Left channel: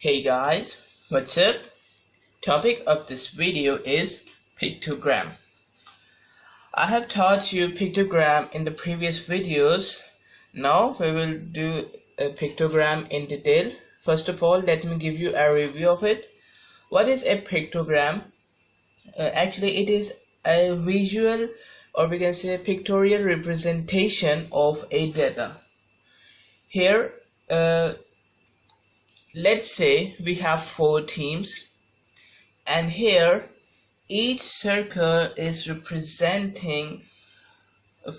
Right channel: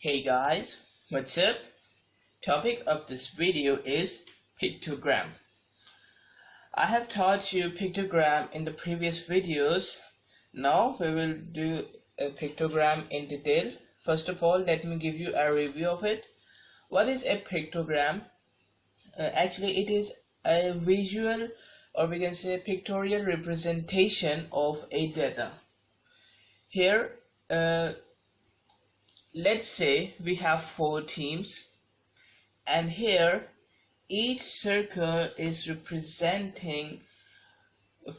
Hey guys, what's up? Topic of this video is pictogram. I have taught you pictogram in the previous videos. Now we will do a pictogram in detail. First of all, let me give you a review of it. What is a pictogram? Actually, it is a visual, or we can say a pictorial representation of a data. Here, let's say we have 4 teams, and here each circle is representing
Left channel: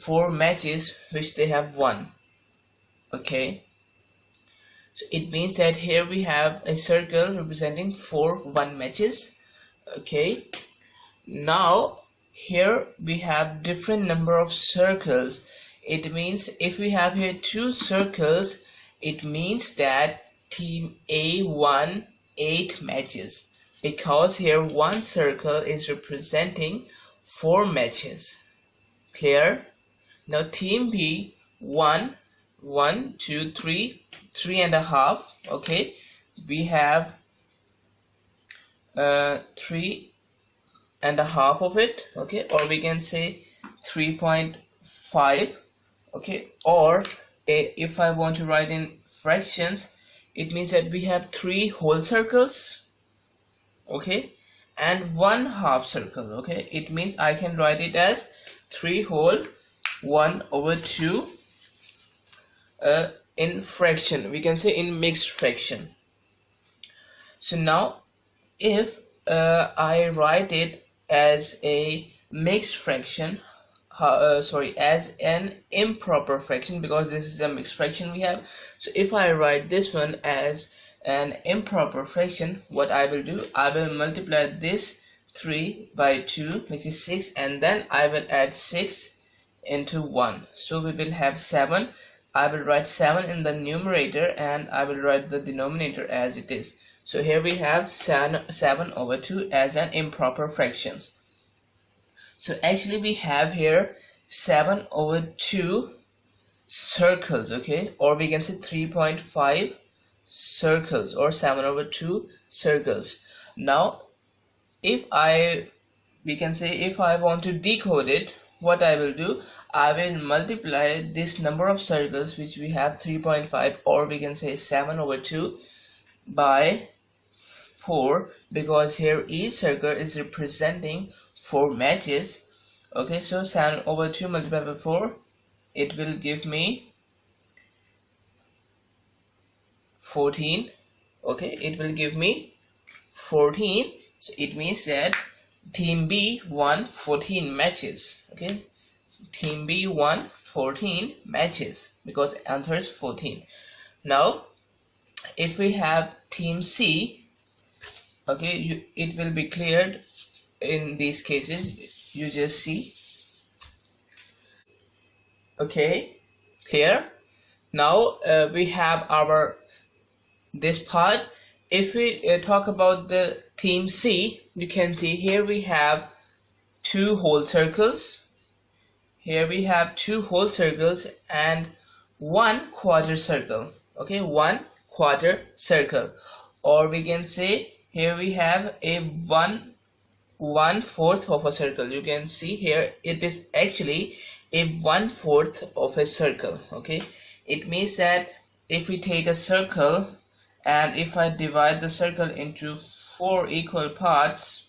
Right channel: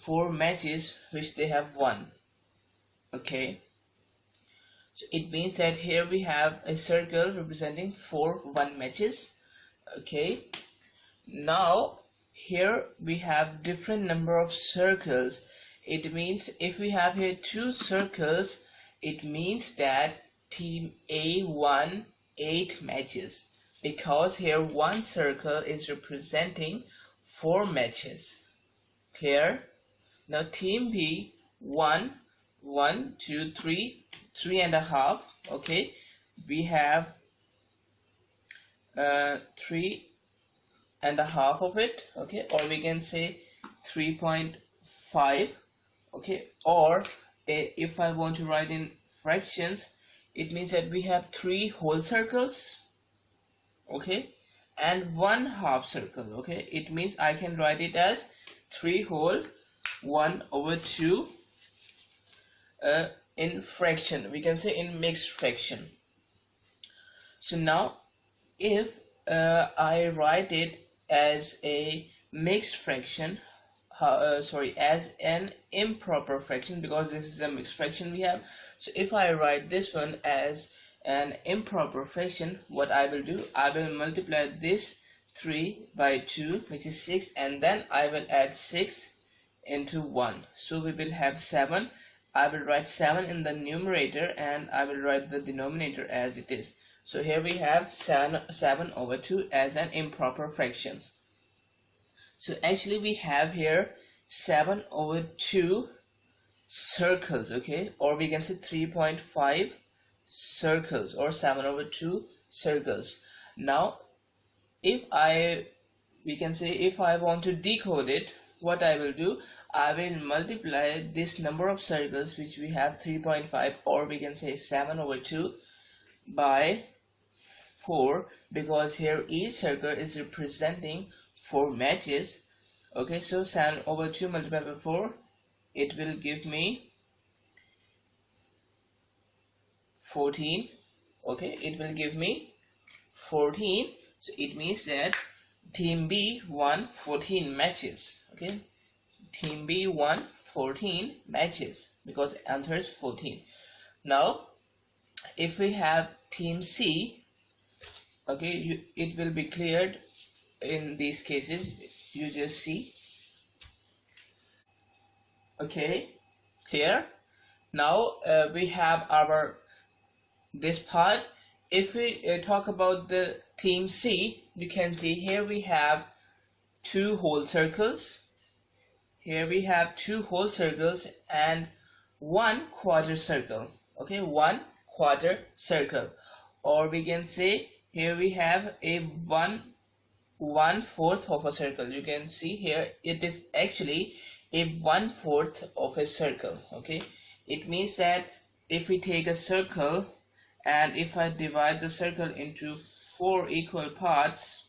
4 matches which they have won. Okay, so it means that here we have a circle representing 4 won matches. Okay, now here we have different number of circles. It means if we have here 2 circles, it means that team A won 8 matches, because here one circle is representing 4 matches. Clear? Now team B won 1, 2, 3, 3.5. Okay, we have 3.5 of it. Okay, or we can say 3.5. Okay, or if I want to write in fractions, it means that we have 3 whole circles, okay, and 1 half circle. Okay, it means I can write it as 3 whole 1/2 in fraction, we can say in mixed fraction. So now if I write it as a mixed fraction, as an improper fraction, because this is a mixed fraction we have. So if I write this one as an improper fraction, what I will do, I will multiply this 3 by 2, which is 6, and then I will add 6 into 1, so we will have 7. I will write 7 in the numerator, and I will write the denominator as it is. So here we have 7/2 as an improper fractions. So actually we have here 7/2 circles, okay, or we can say 3.5 circles, or 7/2 circles. Now if we can say if I want to decode it, what I will do, I will multiply this number of circles which we have 3.5, or we can say 7/2 by 4, because here each circle is representing 4 matches. Okay, so 7/2 multiplied by 4, it will give me 14. Okay, it will give me 14. So it means that team B won 14 matches. Okay, team B won 14 matches because answer is 14. Now if we have team C, okay, it will be cleared in these cases. You just see. Okay, clear? Now we have our this part. If we talk about the team C, you can see here we have 2 whole circles. Here we have 2 whole circles and 1 quarter circle. Okay, 1 quarter circle, or we can say here we have a 1/4 of a circle. You can see here it is actually a 1/4 of a circle. Okay, it means that if we take a circle and if I divide the circle into 4 equal parts,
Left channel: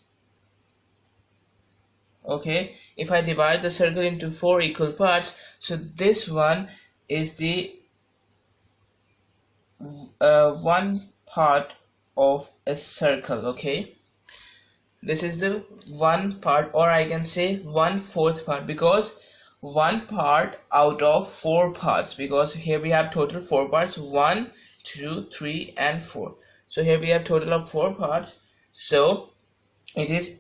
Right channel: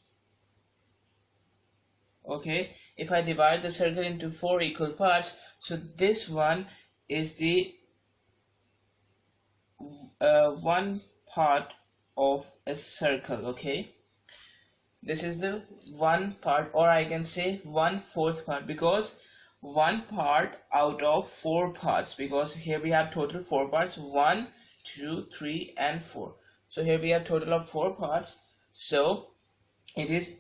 okay, if I divide the circle into 4 equal parts, so this one is the 1 part of a circle. Okay, this is the 1 part, or I can say 1/4 part, because 1 part out of 4 parts, because here we have total 4 parts, 1, 2, 3 and 4. So here we have total of 4 parts, so it is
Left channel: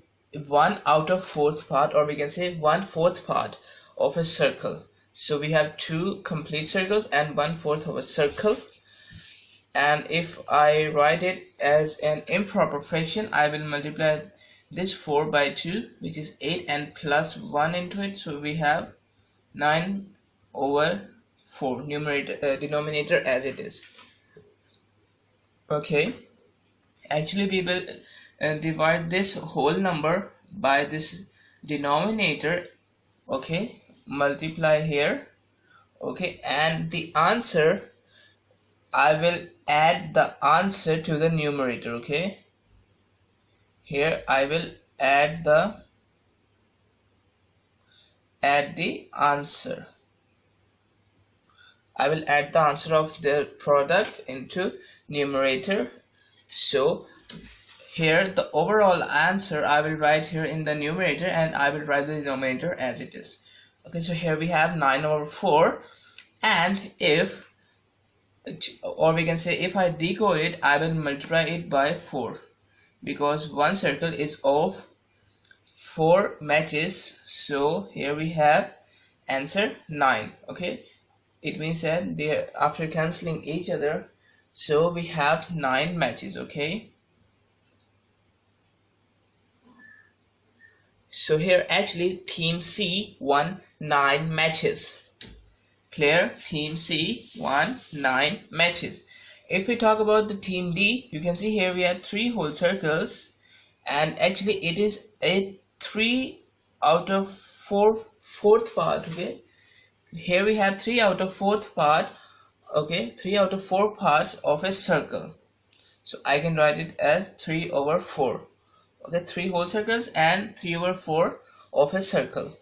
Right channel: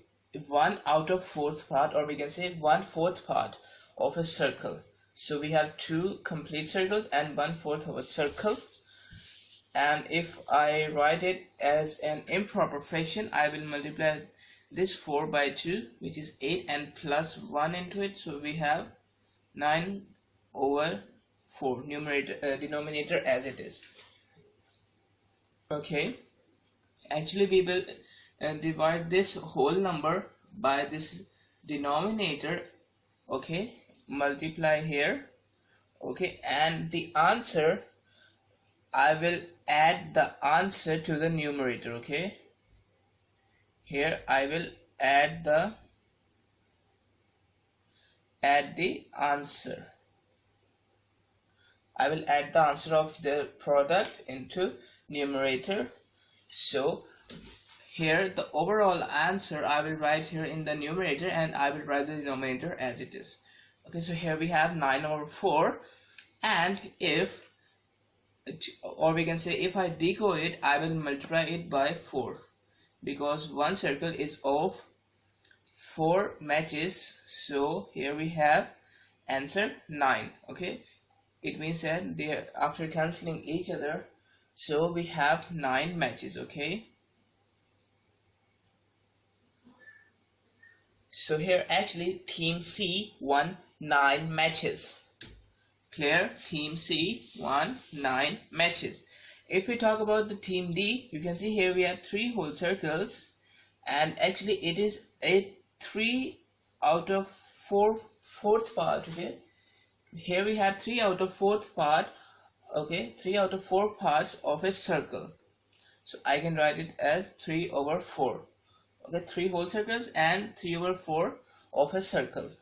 1 out of 4th part, or we can say 1/4 part of a circle. So we have 2 complete circles and 1/4 of a circle. And if I write it as an improper fraction, I will multiply this 4 by 2, which is 8, and plus 1 into it, so we have 9/4 numerator denominator as it is. Okay, actually we will divide this whole number by this denominator, okay, multiply here, okay, and the answer, I will add the answer to the numerator, okay. Here I will add the answer. I will add the answer of the product into numerator. So here the overall answer I will write here in the numerator, and I will write the denominator as it is. Okay, so here we have 9/4, and if, or we can say, if I decode it, I will multiply it by 4, because one circle is of 4 matches. So here we have answer 9. Okay, it means that they, after cancelling each other, so we have 9 matches. Okay, so here actually team C won 9 matches. Clear? Team C won 9 matches. If we talk about the team D, you can see here we have 3 whole circles, and actually it is a 3 out of 4 fourth part. Okay, here we have 3 out of 4th part. Okay, 3 out of 4 parts of a circle, so I can write it as 3/4. Okay, 3 whole circles and 3/4 of a circle.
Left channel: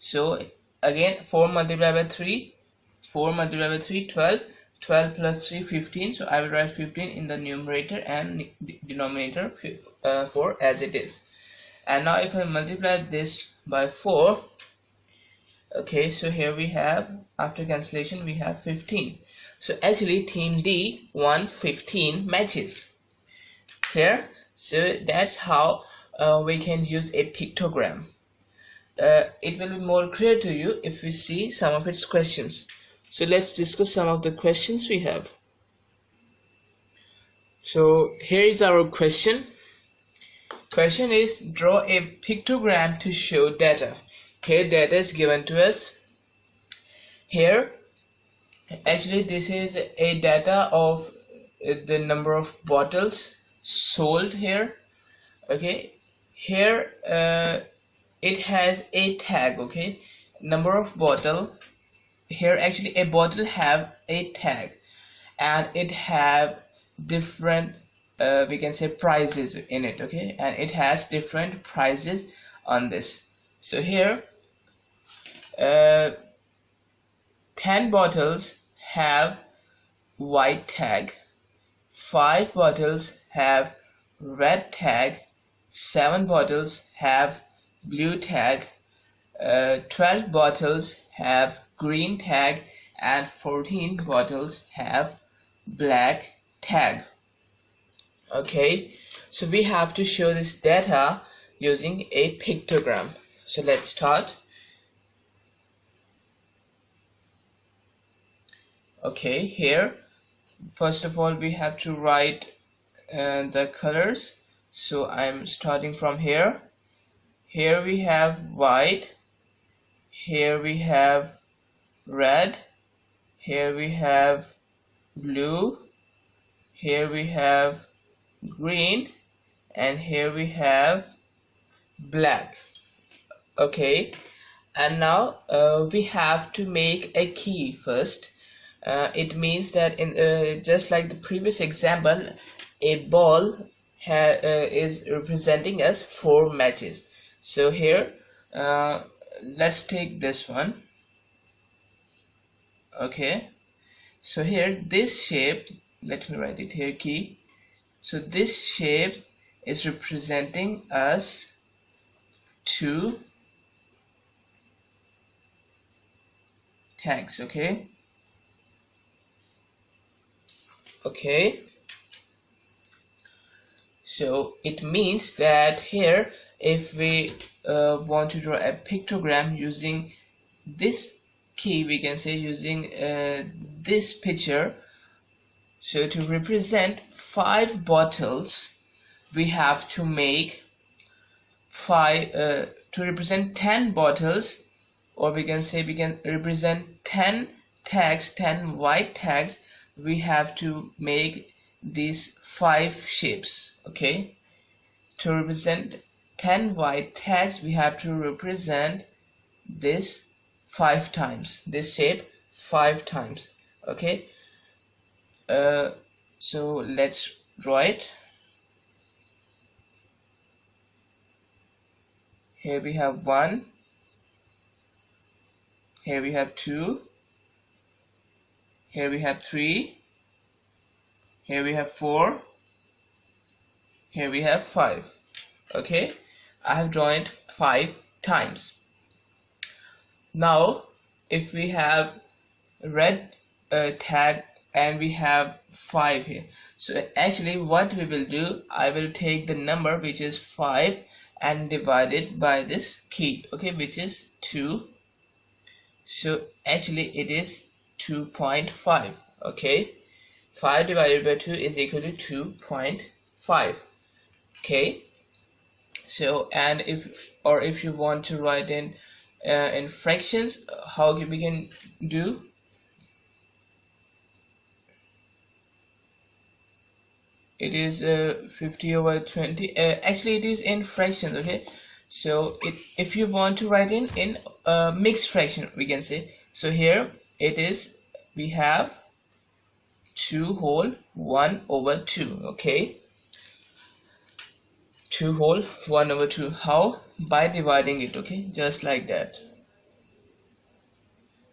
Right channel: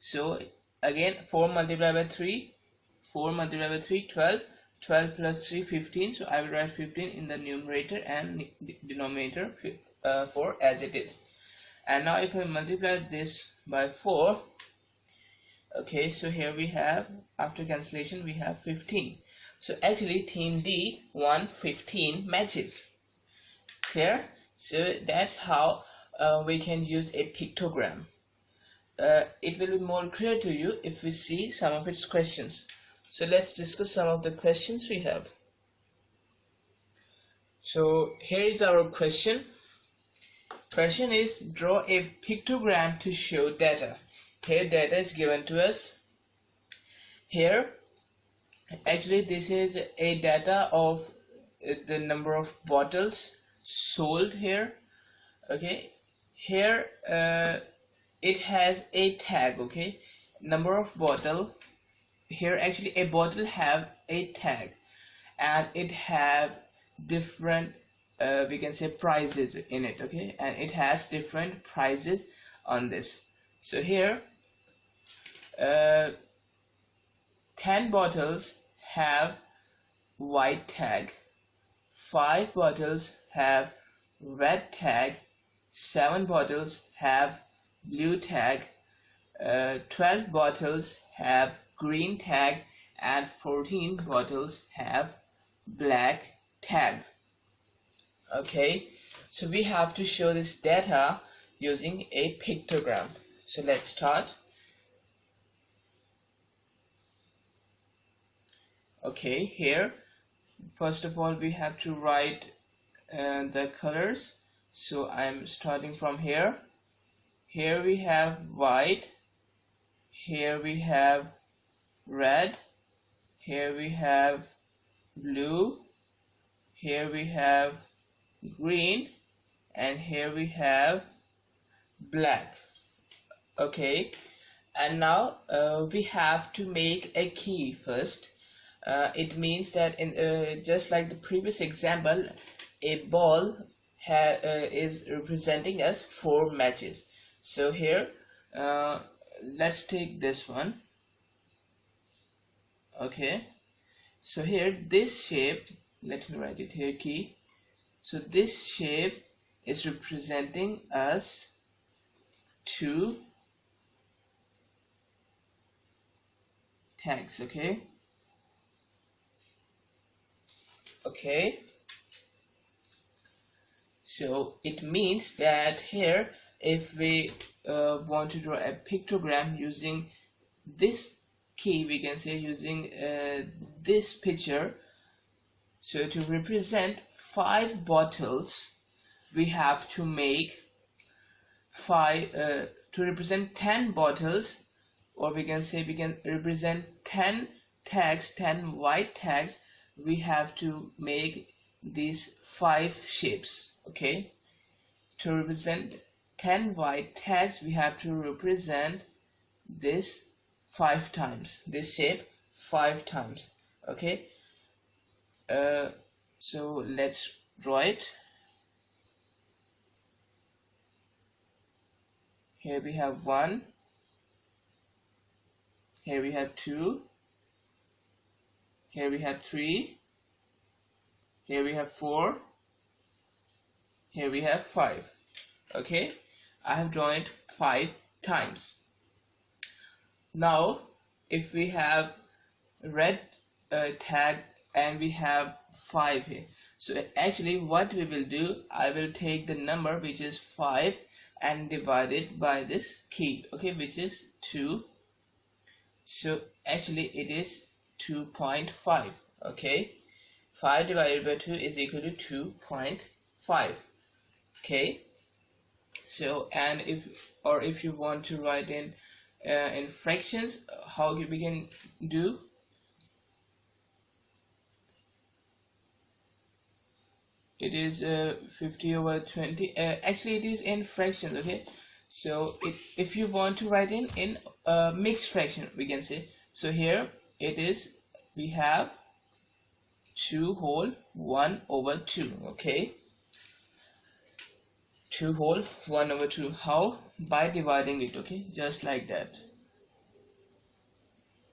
So again, 4 multiplied by 3, 4 multiplied by 3, 12, 12 plus 3, 15. So I will write 15 in the numerator and denominator 4 as it is. And now if I multiply this by 4, okay, so here we have, after cancellation, we have 15. So actually team D won 15 matches. Clear? So that's how we can use a pictogram. It will be more clear to you if we see some of its questions. So let's discuss some of the questions we have. So here is our question. Question is, draw a pictogram to show data. Here data is given to us. Here actually this is a data of the number of bottles sold here. Okay, here it has a tag. Okay, number of bottle. Here actually a bottle have a tag, and it have different we can say prices in it. Okay, and it has different prices on this. So here 10 bottles have white tag, 5 bottles have red tag, 7 bottles have blue tag, 12 bottles have green tag, and 14 bottles have black tag. Okay, so we have to show this data using a pictogram. So let's start. Okay, here first of all we have to write the colors. So I'm starting from here. Here we have white, here we have red, here we have blue, here we have green, and here we have black. Okay, and now we have to make a key first. It means that in just like the previous example, a ball is representing us 4 matches. So here let's take this one. Okay, so here this shape, let me write it here, key. So this shape is representing us 2 tags. Okay, okay, so it means that here if we want to draw a pictogram using this key, we can say using this picture. So to represent 5 bottles, we have to make 5 to represent 10 bottles, or we can say we can represent 10 tags, 10 white tags. We have to make these 5 shapes. Okay, to represent 10 white tags we have to represent this 5 times, this shape 5 times. Okay, so let's draw it. Here we have 1, here we have 2, here we have 3, here we have 4, here we have 5. Okay, I have drawn it 5 times. Now if we have red tag and we have 5 here, so actually what we will do, I will take the number which is 5 and divide it by this key, okay, which is 2. So actually it is 2.5. okay, 5 divided by 2 is equal to 2.5. okay, so and if you want to write in fractions, how we can do, it is 50/20. Actually it is in fractions. Okay, so if you want to write in mixed fraction, we can say, so here it is, we have 2 whole 1/2. okay, 2 whole 1/2. How? By dividing it. Okay, just like that,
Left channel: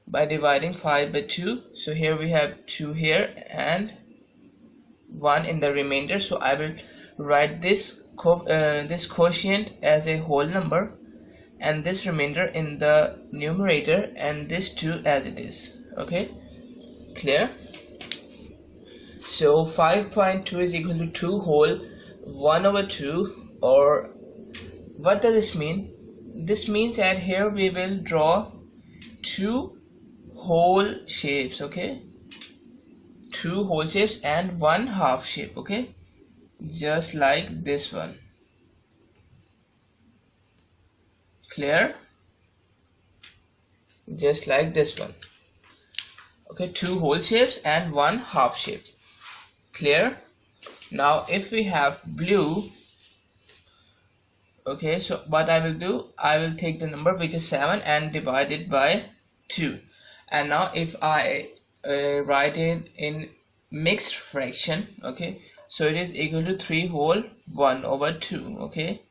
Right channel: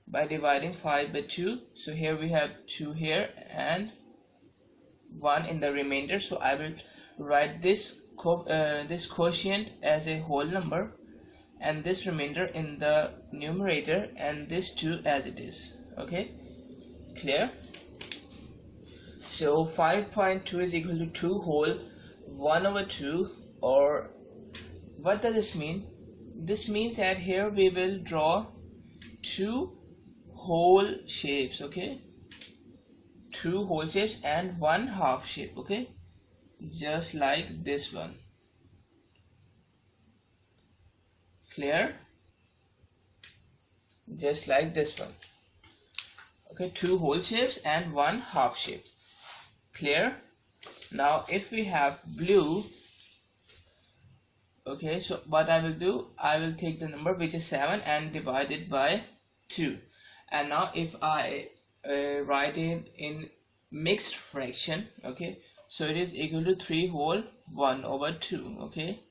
by dividing 5 by 2. So here we have 2 here and 1 in the remainder. So I will write this quotient as a whole number and this remainder in the numerator and this 2 as it is. Okay, clear? So 5.2 is equal to 2 whole 1/2, or what does this mean? This means that here we will draw 2 whole shapes. Okay, 2 whole shapes and 1 half shape. Okay, just like this one. Clear? Just like this one. Okay, 2 whole shapes and 1 half shape. Clear? Now if we have blue, okay, so what I will do, I will take the number which is 7 and divide it by 2. And now if I write it in mixed fraction, okay, so it is equal to 3 whole 1/2. okay,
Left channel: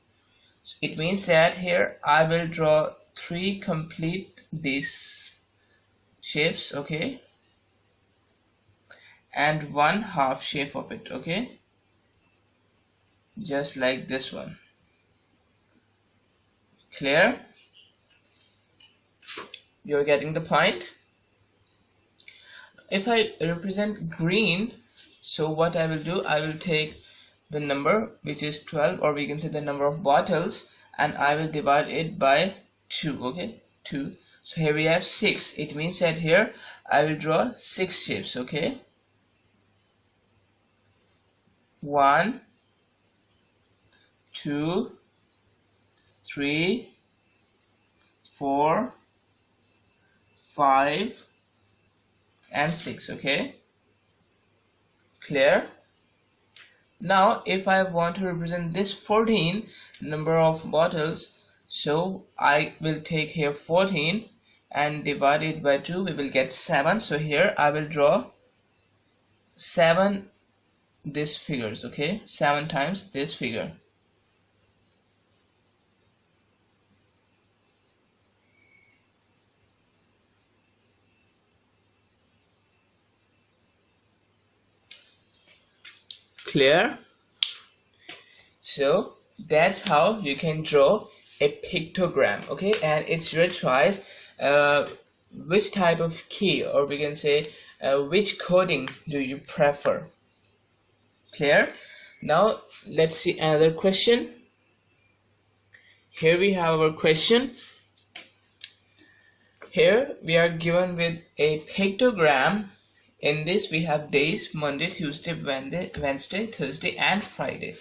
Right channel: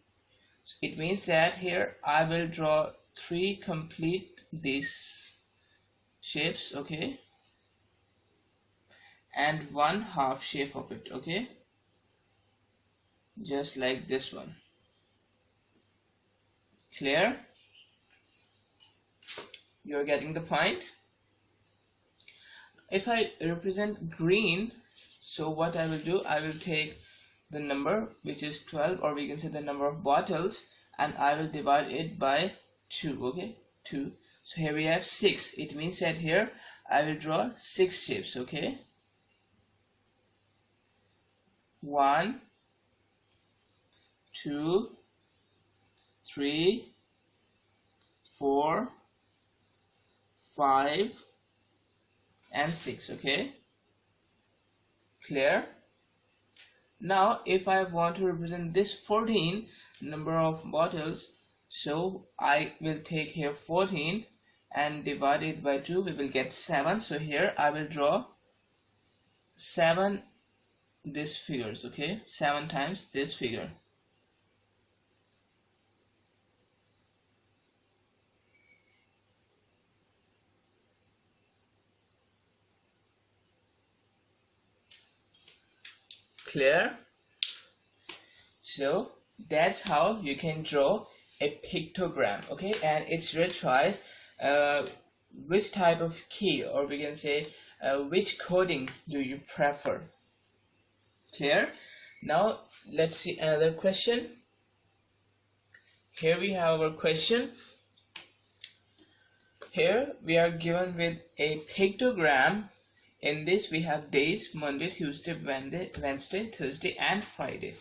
so it means that here I will draw 3 complete these shapes, okay, and 1 half shape of it. Okay, just like this one. Clear? You're getting the point? If I represent green, so what I will do, I will take the number which is 12, or we can say the number of bottles, and I will divide it by 2. Okay, 2. So here we have 6. It means that here I will draw 6 shapes. Okay, 1, 2, 3, 4, 5 and 6. Okay, clear? Now if I want to represent this 14 number of bottles, so I will take here 14 and divide it by 2, we will get 7. So here I will draw 7 these figures. Okay, 7 times this figure. Clear? So that's how you can draw a pictogram. Okay, and it's your choice which type of key, or we can say which coding do you prefer. Clear? Now let's see another question. Here we have our question. Here we are given with a pictogram. In this we have days: Monday, Tuesday, Wednesday, Thursday and Friday.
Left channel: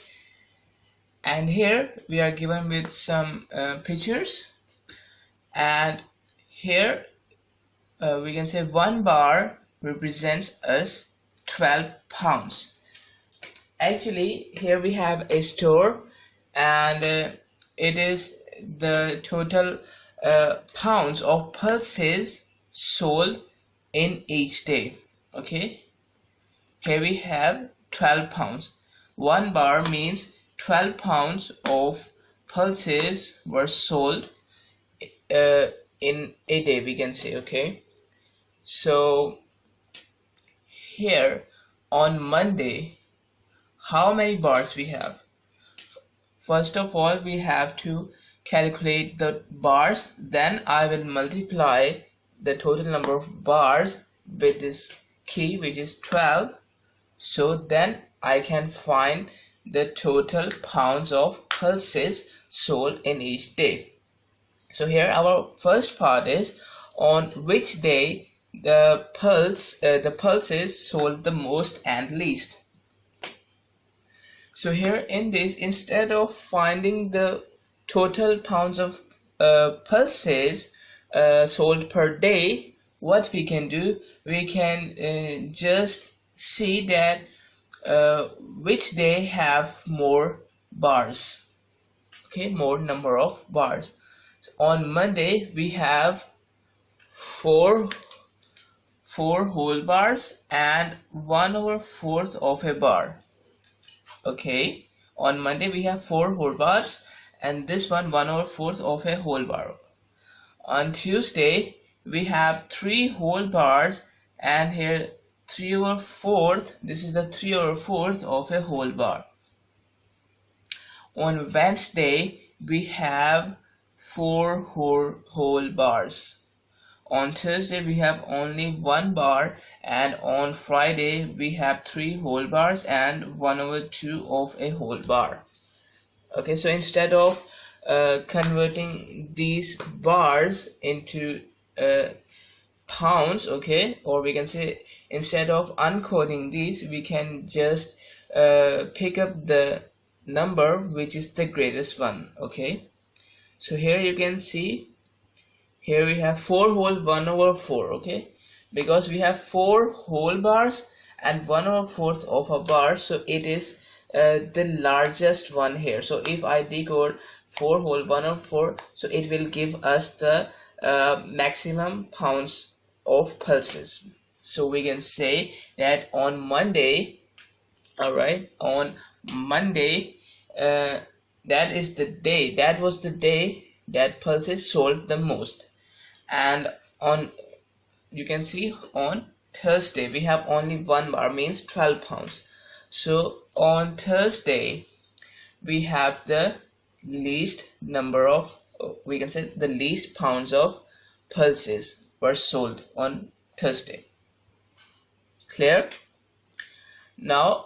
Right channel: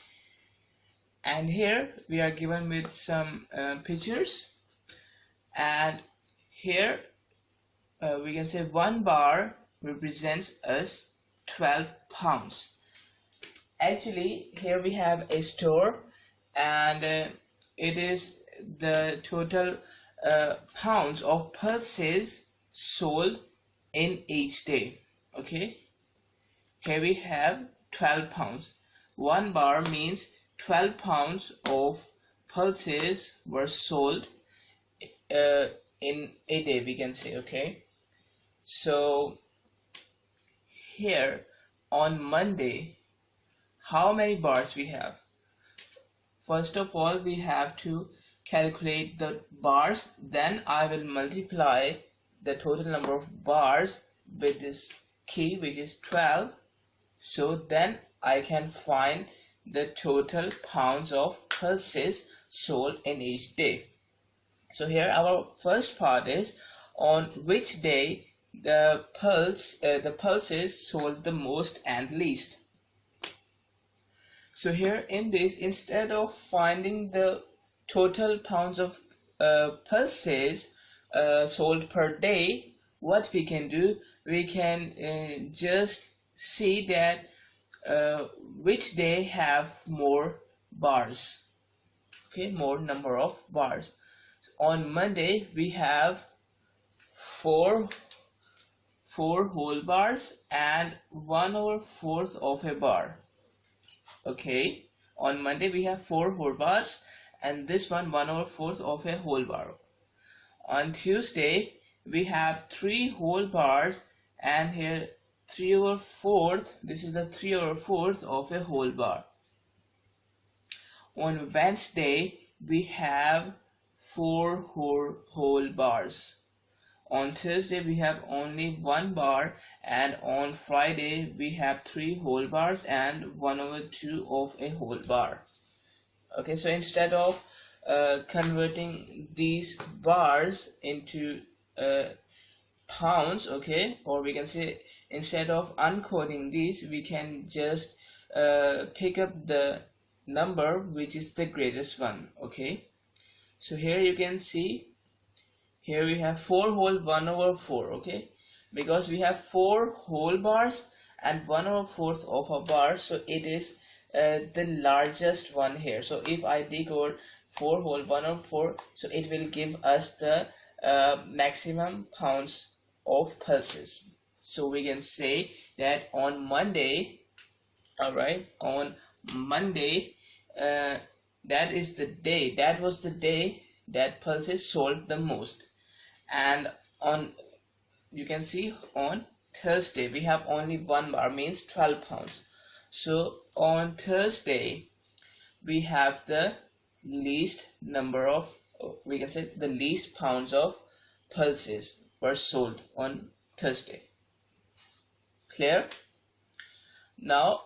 And here we are given with some pictures, and here we can say 1 bar represents us 12 pounds. Actually, here we have a store, and it is the total pounds of pulses sold in each day. Okay, here we have 12 pounds. One bar means 12 pounds of pulses were sold uh, in a day, we can say. Okay, so here on Monday, how many bars we have? First of all, we have to calculate the bars, then I will multiply the total number of bars with this key, which is 12. So then I can find the total pounds of pulses sold in each day. So here our first part is on which day the pulses sold the most and least. So here in this, instead of finding the total pounds of pulses sold per day, what we can do, we can just see that which day have more bars. Okay, more number of bars. So on Monday we have four whole bars and 1/4 of a bar. Okay, on Monday we have 4 whole bars and this one 1/4 of a whole bar. On Tuesday we have 3 whole bars and here 3/4. This is the 3/4 of a whole bar. On Wednesday we have 4 whole bars. On Thursday we have only 1 bar, and on Friday we have 3 whole bars and 1/2 of a whole bar. Okay, so instead of converting these bars into pounds, okay, or we can say instead of uncoding these, we can just pick up the number which is the greatest one. Okay, so here you can see, here we have 4 whole 1/4. Okay, because we have 4 whole bars and 1/4 of a bar, so it is the largest one here. So if I decode 4 whole 1/4, so it will give us the maximum pounds of pulses. So we can say that on Monday, all right, on Monday, that was the day that pulses sold the most. And on, you can see, on Thursday we have only 1 bar, means 12 pounds. So on Thursday we have the least number of, we can say the least pounds of pulses were sold on Thursday. Clear? Now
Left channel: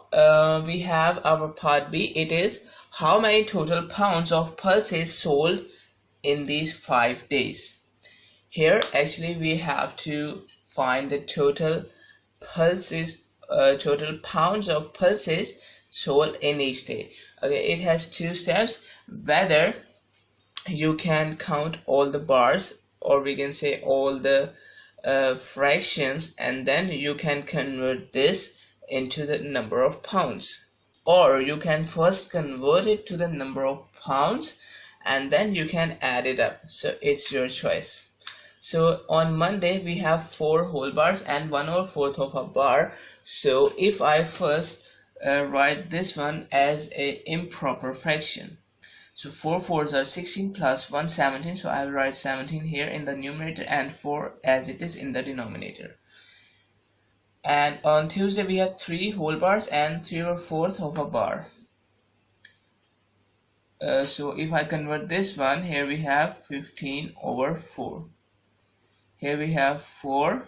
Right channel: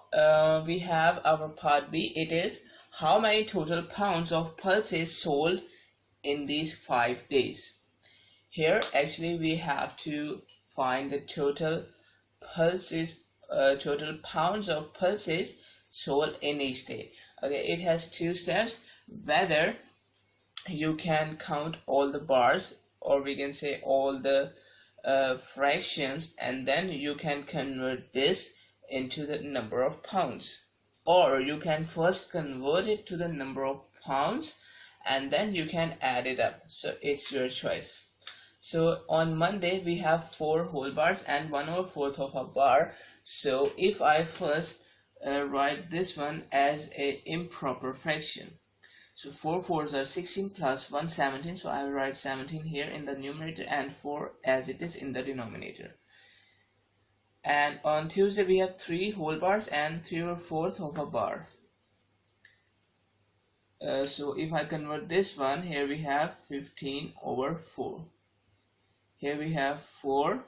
we have our part B. It is how many total pounds of pulses sold in these 5 days. Here actually we have to find the total pulses, total pounds of pulses sold in each day. Okay, it has 2 steps: whether you can count all the bars, or we can say all the fractions, and then you can convert this into the number of pounds, or you can first convert it to the number of pounds and then you can add it up. So it's your choice. So on Monday we have 4 whole bars and 1/4 of a bar. So if I first write this one as a improper fraction, so 4 fours are 16 plus 1 17, so I will write 17 here in the numerator and 4 as it is in the denominator. And on Tuesday we have 3 whole bars and 3/4 of a bar. So if I convert this one, here we have 15/4. Here we have 4.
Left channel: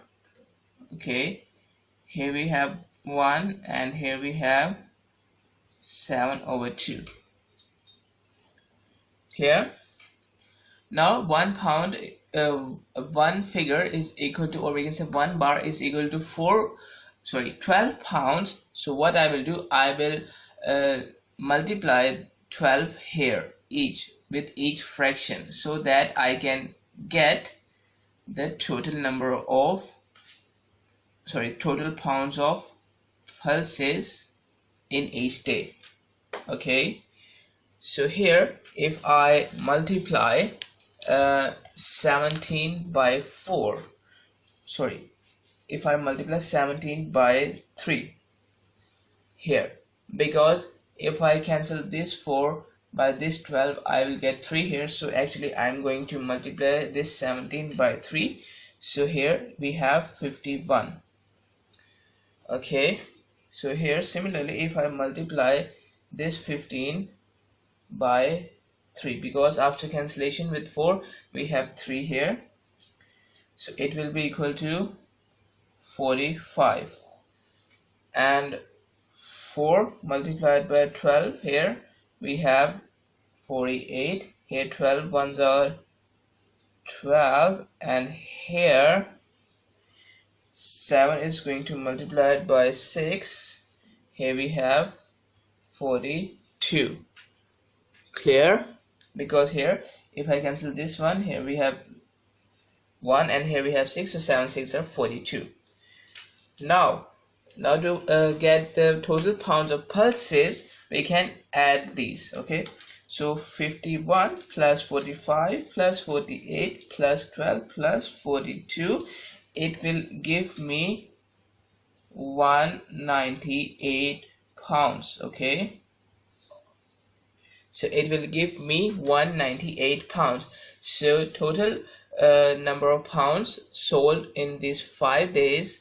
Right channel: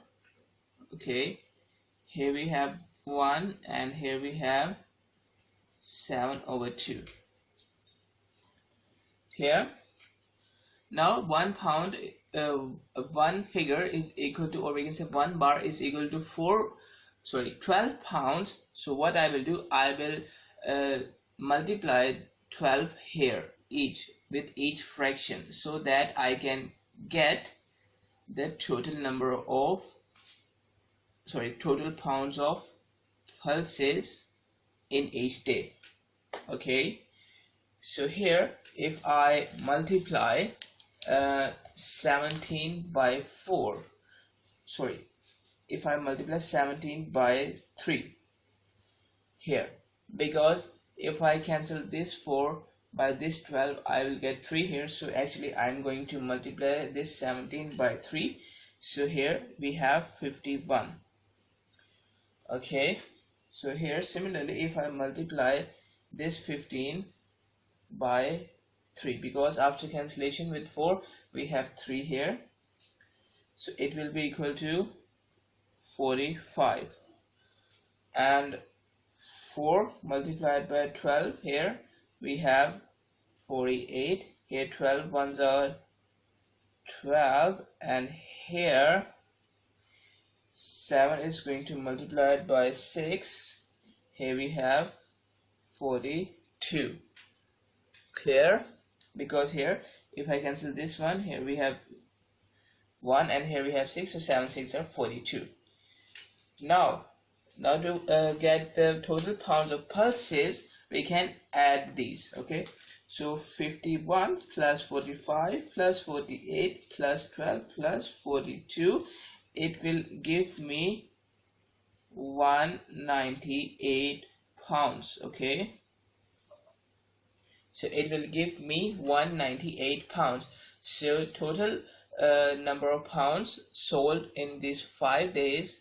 Okay, here we have 1, and here we have 7/2. Clear? Now 1 pound, one figure is equal to, or we can say 1 bar is equal to 12 pounds. So what I will do, I will multiply 12 here with each fraction, so that I can get the total number of, total pounds of pulses in each day. Okay, so here if I multiply 17 by 4, sorry, if I multiply 17 by 3 here, because if I cancel this 4 by this 12, I will get 3 here. So actually I'm going to multiply this 17 by 3. So here we have 51. Okay, so here similarly if I multiply this 15 by 3, because after cancellation with 4 we have 3 here, so it will be equal to 45. And 4 multiplied by 12, here we have 48. Here 12 ones are 12, and here 7 is going to multiply it by 6. Here we have 42. Clear? Because here if I cancel this one, here we have 1 and here we have 6, so 7 6 are 42. Now to get the total pounds of pulses, we can add these. Okay, so 51 plus 45 plus 48 plus 12 plus 42, it will give me 198 pounds. Okay, so it will give me 198 pounds. So total number of pounds sold in these 5 days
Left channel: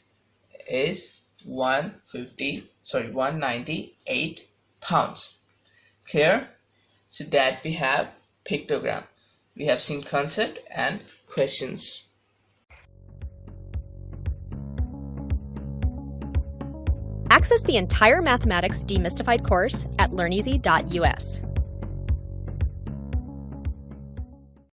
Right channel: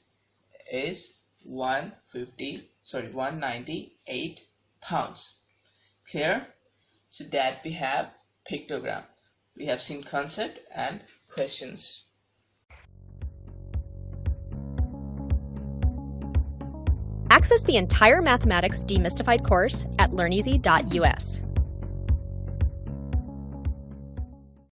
is 198 pounds. Clear? So that we have pictogram. We have seen concept and questions. Access the entire Mathematics Demystified course at learneasy.us.